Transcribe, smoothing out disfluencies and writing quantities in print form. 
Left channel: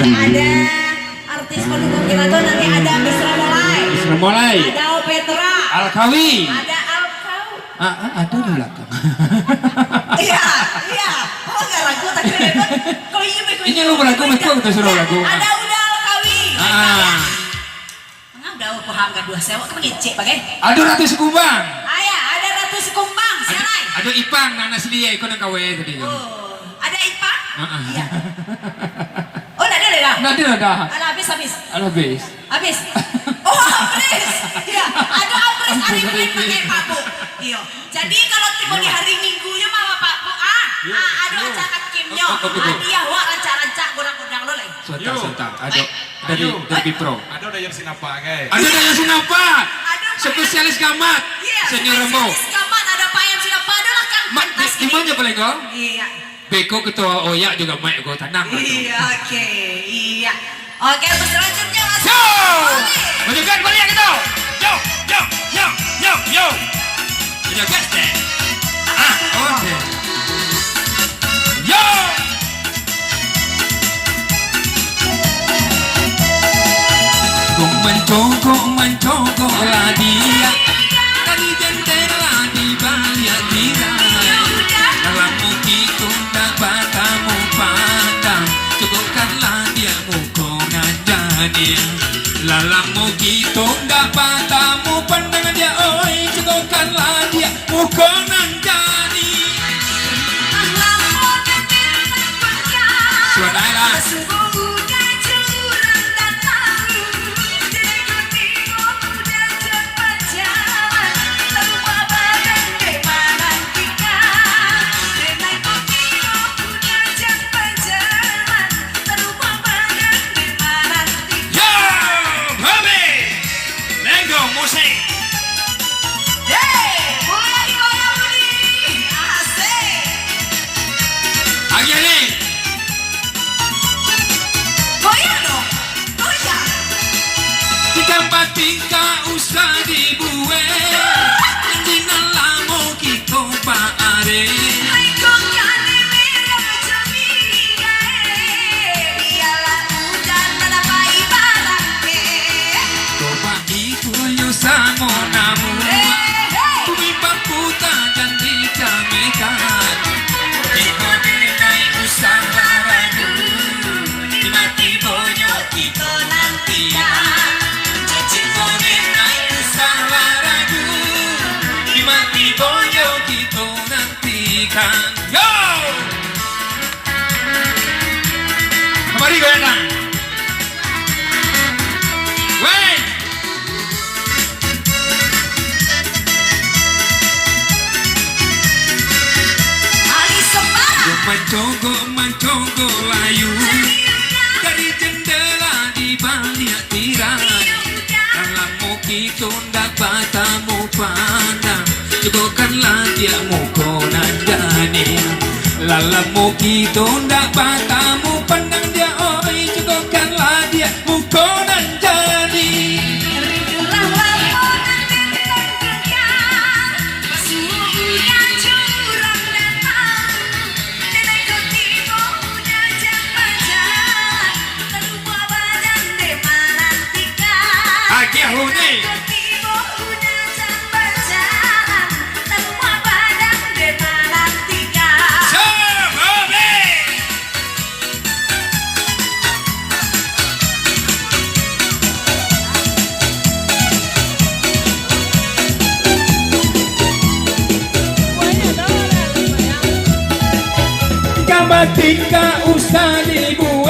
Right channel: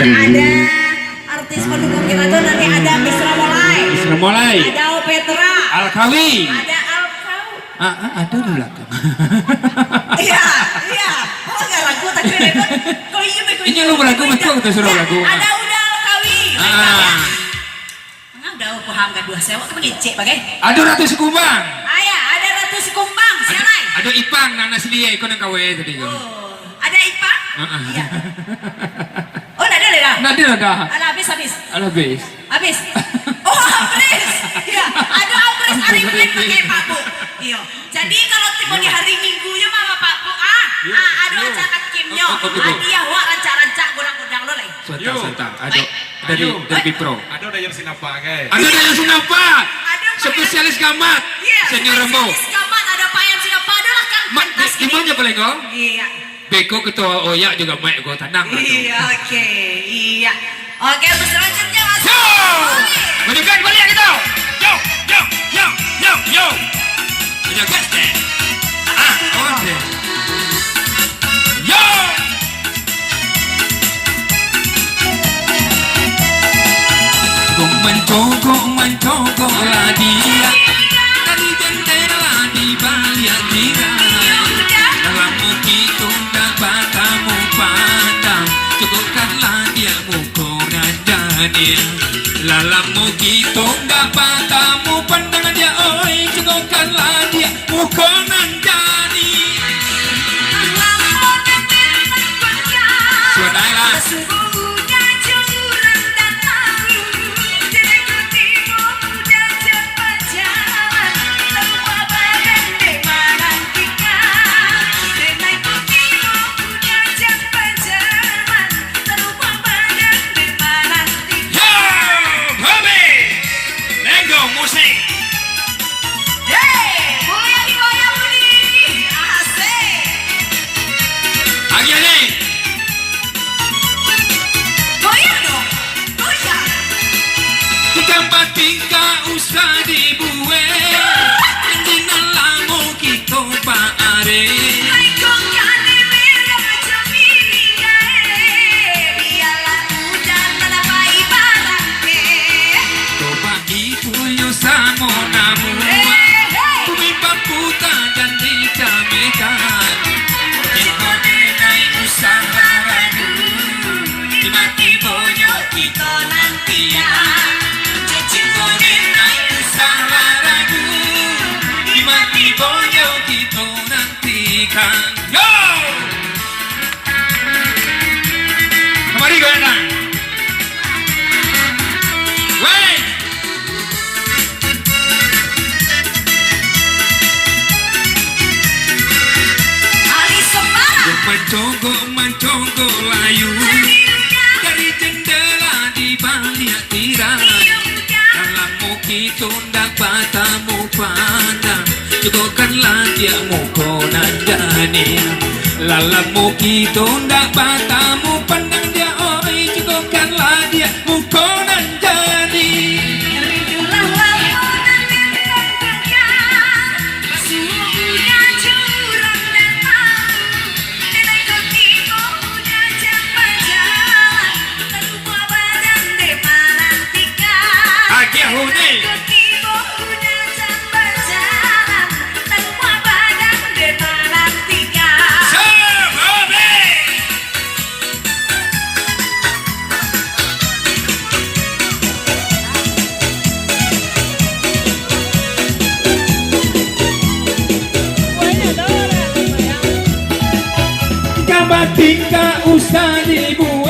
Ada artis pendukung kita tuh nanti ada Isra Molai. Isra Molai. Ada Petra. Alkawi. Ada Alkau. Ada di belakang. Iya, iya. Oh nggak ragu tapi kau Ini lu beragu betul tuh suruh lagu. Ada udah Alkawi. Udah paham gak dua sewa itu ngecek pakai. Ada Ratu Sekumbang. Ayah, ada Ratu Sekumbang. Siapa? Ada Ipang, Nana Selia, ikut yang kawe tadi. Oh, ada Ipang? Iya. Oh, ada dah. Ada. Ada habis. Habis. Habis. Oh, habis. Iya, ada habis hari ini pakai paku. Iya. Jadi kalau tiba di hari Minggunya mama paku ada acara kimnya. Dia wah rancak-rancak gudang-gudang lo lagi. Sebentar. Ada dari Pro. Ada yang sinapa guys. Ada yang sinapa. Spesialis gamat. Senior Rembo. Gamat ada Pak yang sinapa ada kan. Gimana boleh kau? Iya. Beko ketua Oya juga main kau tanam. Iya, oke. Iya. Oke, untuk selanjutnya Yo! Menunjukkan balik kita. Yo. Punya gas deh. Oke. Yo! Kong mencogo lah dia. Dari jendela di balik dia. Dalam begitu dapat kamu pandang. Cukupkanlah dia mukonan jadi. Dalam begitu dapat kamu pandang dia. Oi, cukupkanlah dia mukonan jadi. Saudara. Musik. Goyang nih. Asik. Lagi nih. Goyang dong. Goyang. Tiga usah dibuat. Dengan lamo kita paare. Samo namu Tumimpa puta dan dikamekan Jika dinai usaha ragu Dimati bonyo kita nantikan Jika dinai usaha ragu Dimati bonyo kita nantikan Yo! Kemari gue datang Wait! Mencogo layu dari jendela di balik tirai dalam muki tundak matamu pandang cukupkanlah dia mukonan jadi dalam muki tundak matamu pandang dia oi cukupkanlah dia mukonan jadi. Tingkah usah dibuat